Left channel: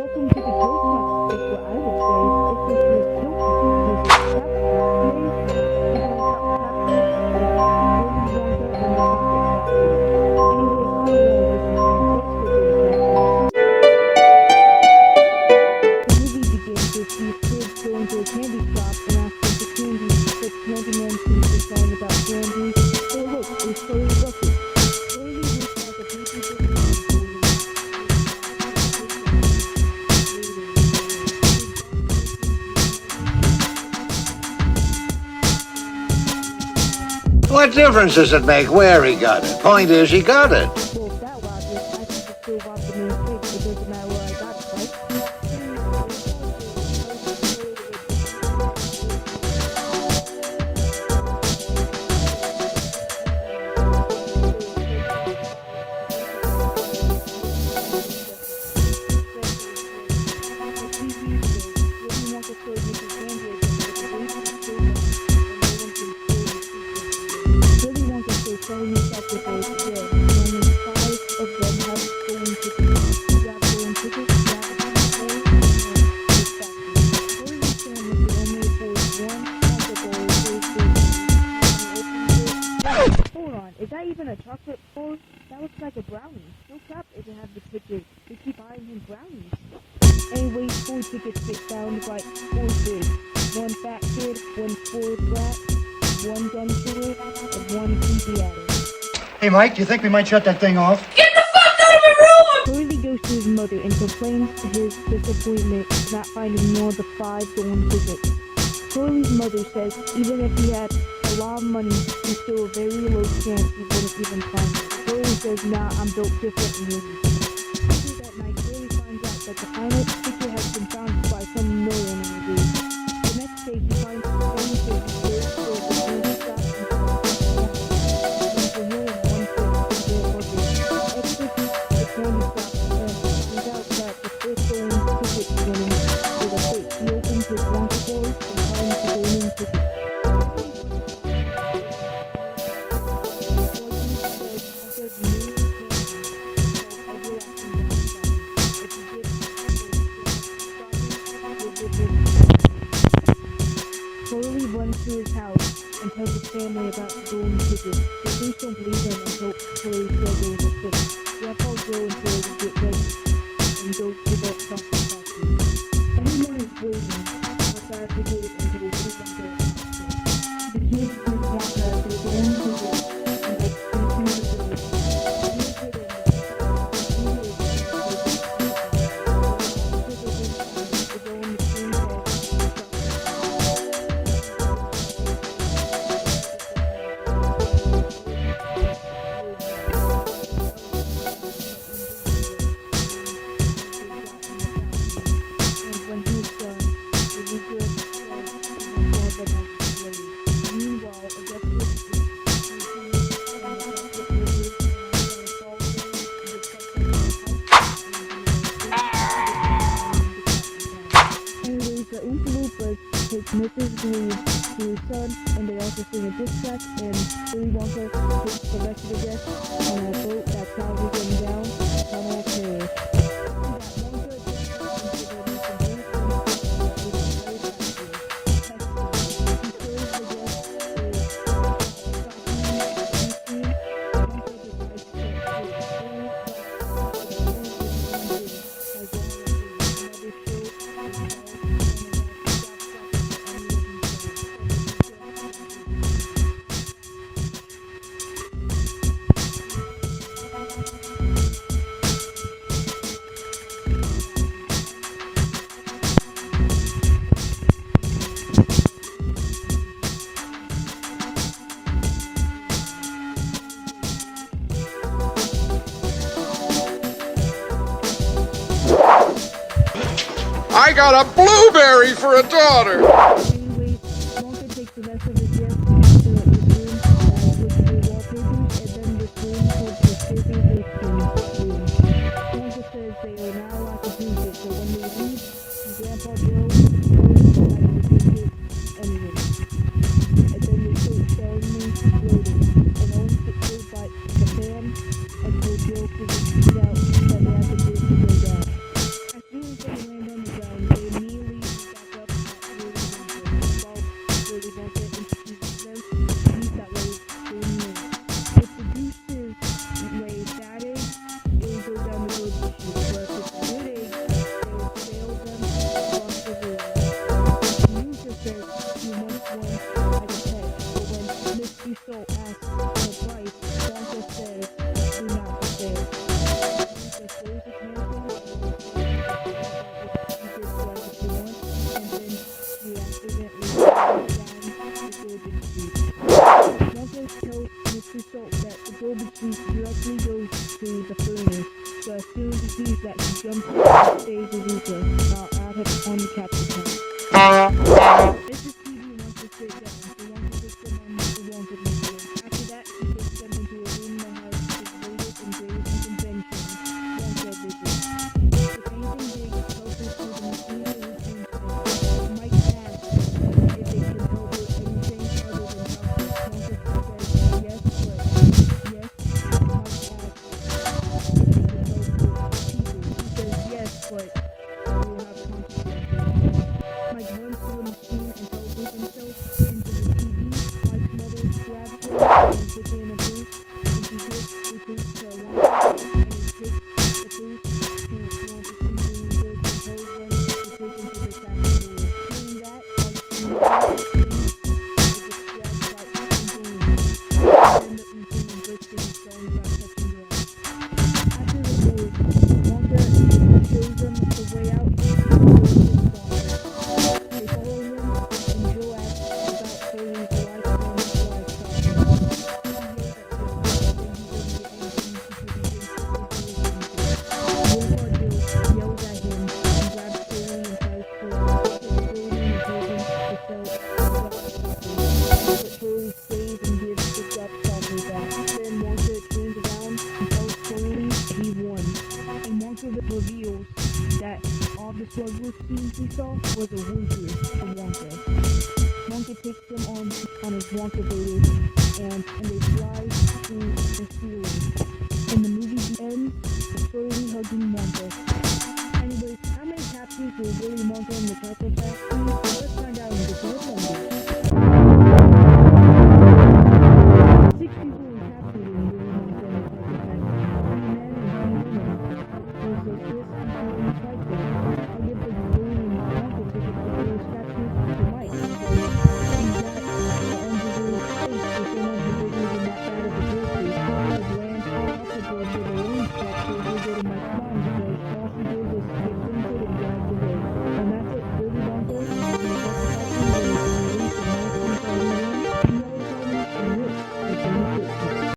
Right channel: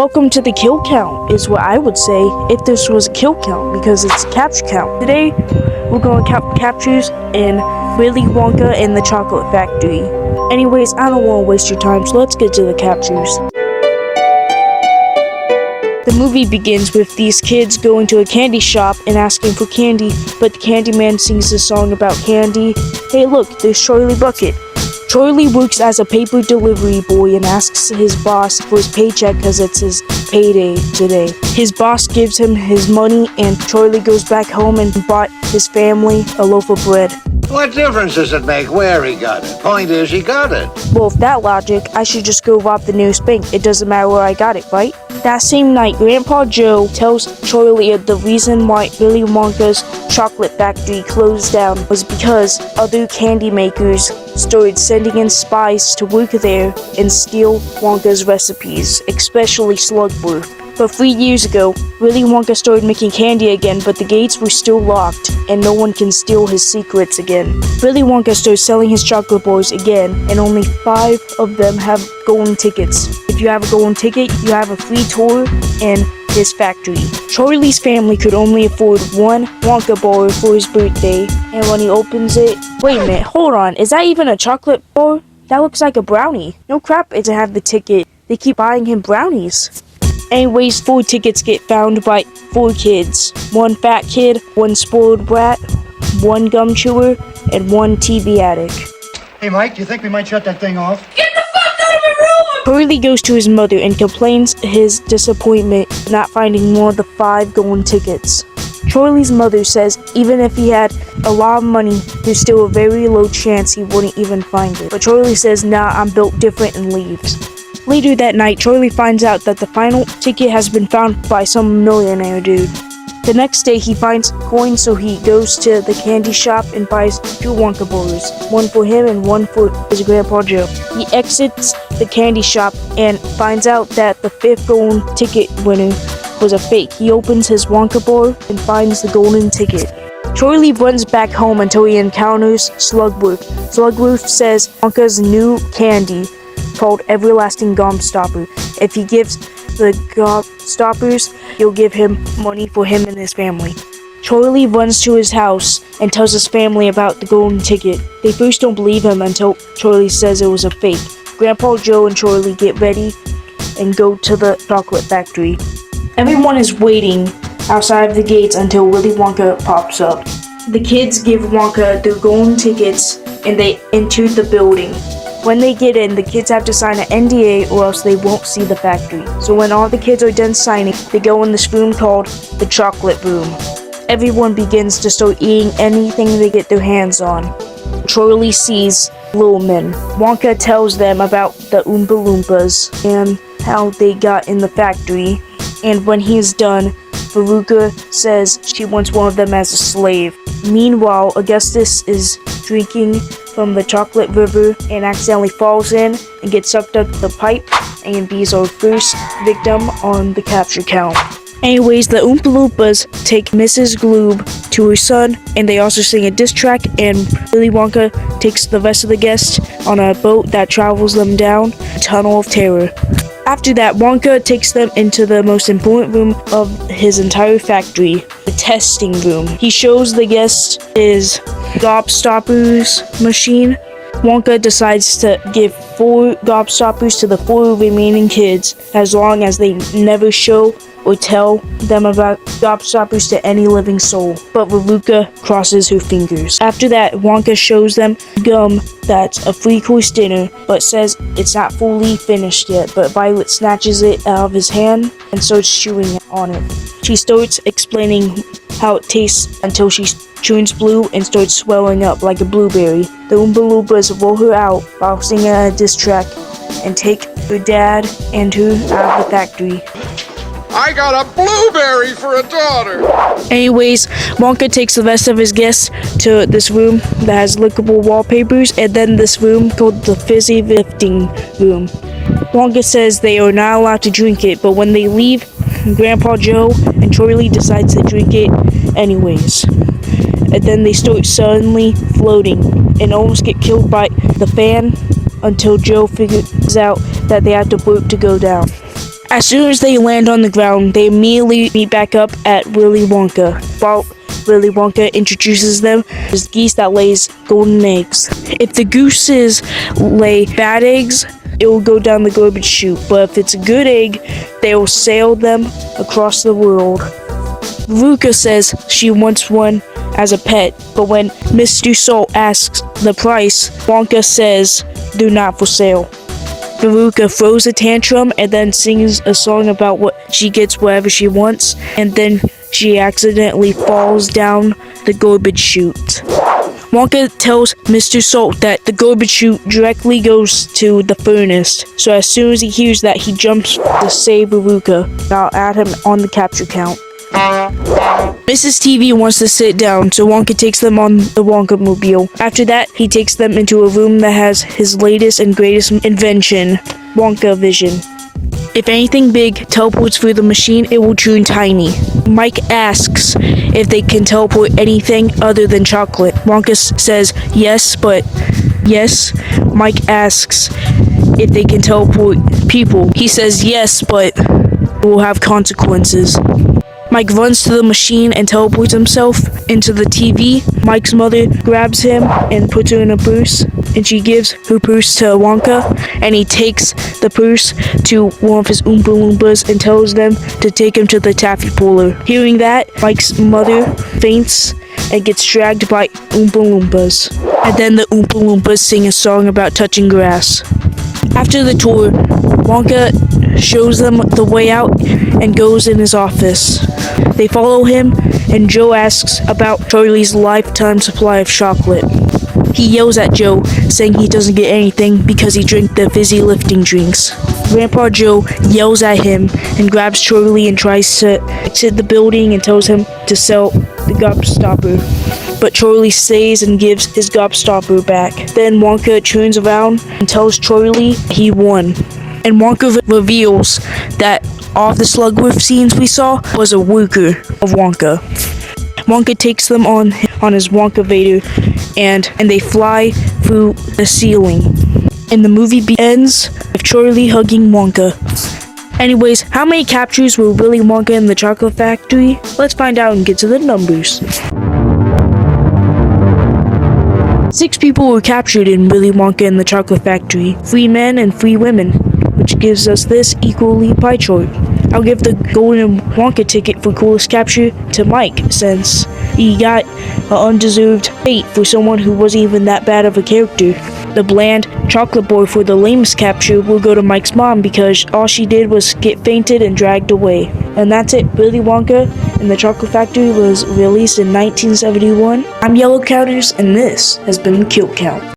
Welcome to the kill count, is what I would say if this was a kill count, because it's capture count. Today, we're going to count captures in Willy Wonka and the Chocolate Factory. Anyways, I don't want to waste your time, so let's get to the captures. The movie begins with these kids going to a candy shop and asking for candy, but the candy man sings a song about candy. Hey look, there's Charlie Bucket. Charlie works as a paper delivery boy and asks his boss for his paycheck because it's his payday today. His boss gives him his money and Charlie goes back home and bought his family a loaf of bread. What difference does it make where he got it? Point is, he got it. Well, with that logic, I should just go rob the nearest bank. It doesn't matter where I got it, right? That same night, Grandpa Joe tells Charlie the reason why Willy Wonka's chocolate factory closed down was because other candy makers started sending in spies to work there and steal Wonka's recipes, especially Slugworth. But 3 years ago, Willy Wonka started making candy again, but the gates were still locked, and no one can steal his secrets again. Willy Wonka starts selling his chocolate bars again, and only 5 of them have golden tickets. If you have a golden ticket, you have a free tour in his factory. Charlie's family could only afford one Wonka bar for his birthday, and when he opens it... Wait a minute, hold on, is that even a chocolate bar? That looks like a brownie. No crap, it doesn't have the ticket. They keep buying him brownies. Anyways, 4 tickets get found by 4 kids. 1 fat kid, 1 spoiled brat, 1 gum chewer, and 1 TV addict. Hey Mike, do you think we might shut that thing off? Get the fuck out of my room! Charlie goes to his mother and complains his disappointment not finding one of the 5 golden tickets. Charlie's mother says even if he had a lot of money, there's still a very low chance he wouldn't even find it. But Charlie says, nah, I'm built different, and leaves. Later that night, Charlie finds out that the final ticket has been found by some millionaire dude. The next day, he finds coins, so he goes to the candy shop and buys 2 Wonka bars, 1 for him and 1 for his Grandpa Joe. He exits the candy shop and finds out that the 5th golden ticket winner was a fake. He opens his Wonka bar and finds the golden ticket. Charlie runs back home until he encounters Slugworth. Slugworth says Wonka's new candy called Everlasting Gobstopper. If he gives the Gobstoppers, he'll give him money for him and his family. Charlie runs to his house and tells his family about the golden ticket. They first don't believe him until Charlie says it was a fake. Grandpa Joe and Charlie get ready and go to the chocolate factory. Everyone is waiting outside of the gates until Willy Wonka pops up. The kids give Wonka their golden tickets and they enter the building. When they get in, the kids have to sign an NDA or else they won't see the factory. So when all the kids are done signing, they go in this room called the chocolate room. Everyone begins to start eating anything they get their hands on. Charlie sees little men. Wonka tells them about the Oompa Loompas and how they got in the factory. And when he's done, Veruca says she wants one of them as a slave. Meanwhile, Augustus is drinking from the chocolate river and accidentally falls in and gets sucked up the pipe, and he's our first victim on the capture count. Anyways, the Oompa Loompas take Mrs. Gloob to her son, and they also sing a diss track, and Willy Wonka takes the rest of the guests on a boat that travels them down a tunnel of terror. After that, Wonka takes them into the most important room of his entire factory, the testing room. He shows the guests his Gobstoppers machine. Wonka decides to give 4 Gobstoppers to the 4 remaining kids as long as they never show or tell them about Gobstoppers to any living soul. But Veruca crosses her fingers. After that, Wonka shows them gum that's a 3-course dinner, but says it's not fully finished yet. But Violet snatches it out of his hand and starts chewing on it. She starts explaining how it tastes until she turns blue and starts swelling up like a blueberry. The Oompa Loompas roll her out while singing a diss track and take her dad and her out of the factory. I got a blueberry for a daughter! Anyways, Wonka takes the rest of his guests to this room that has lickable wallpapers, and then this room called the fizzy lifting room. Wonka says they are not allowed to drink it, but when they leave, Grandpa Joe and Charlie decides to drink it anyways. And then they start suddenly floating and almost get killed by the fan until Joe figures out that they have to work to go down. As soon as they land on the ground, they immediately meet back up at Willy Wonka. While Willy Wonka introduces them as geese that lays golden eggs. If the gooses lay bad eggs, it will go down the garbage chute. But if it's a good egg, they will sail them across the world. Veruca says she wants one as a pet, but when Mr. Salt asks the price, Wonka says, "Do not for sale." Veruca throws a tantrum and then sings a song about what she gets whatever she wants, and then she accidentally falls down the garbage chute. Wonka tells Mr. Salt that the garbage chute directly goes to the furnace, so as soon as he hears that, he jumps to save Veruca. I'll add him on the capture count. Mrs. TV wants to sit down, so Wonka takes them on the Wonka-mobile. After that, he takes them into a room that has his latest and greatest invention, Wonka Vision. If anything big teleports through the machine, it will turn tiny. Mike asks if they can teleport anything other than chocolate. Wonka says yes, but yes. Mike asks if they can teleport people. He says yes, but it will have consequences. Mike runs to the machine and teleports himself into the TV. Mike's mother grabs him and puts her in a purse, and she gives her purse to Wonka, and he takes the purse to one of his Oompa Loompas and tells them to take him to the taffy puller. Hearing that, Mike's mother faints and gets dragged by Oompa Loompas. And then the Oompa Loompas sing a song about touching grass. After the tour, Wonka shows them the way out and goes in his office. They follow him, and Joe asks about Charlie's lifetime supply of chocolate. He yells at Joe, saying he doesn't get anything because he drank the fizzy lifting drinks. Grandpa Joe yells at him and grabs Charlie and tries to exit the building and tells him to sell the gobstopper. But Charlie stays and gives his gobstopper back. Then Wonka turns around and tells Charlie he won. And Wonka reveals that all the Slugworth scenes we saw was a worker of Wonka. Wonka takes them on his Wonka Vader, and they fly through the ceiling. And the movie ends with Charlie hugging Wonka. Anyways, how many captures were Willy Wonka in the Chocolate Factory? Let's find out and get to the numbers. 6 people were captured in Willy Wonka and the Chocolate Factory, 3 men and 3 women, which gives us this equally pie chart. I'll give the Golden Wonka ticket for coolest capture to Mike, since he got an undeserved fate for someone who wasn't even that bad of a character. The bland chocolate boy for the lamest capture will go to Mike's mom because all she did was get fainted and dragged away. And that's it. Willy Wonka and the Chocolate Factory was released in 1971. I'm Yellow Counters, and this has been Kill Count.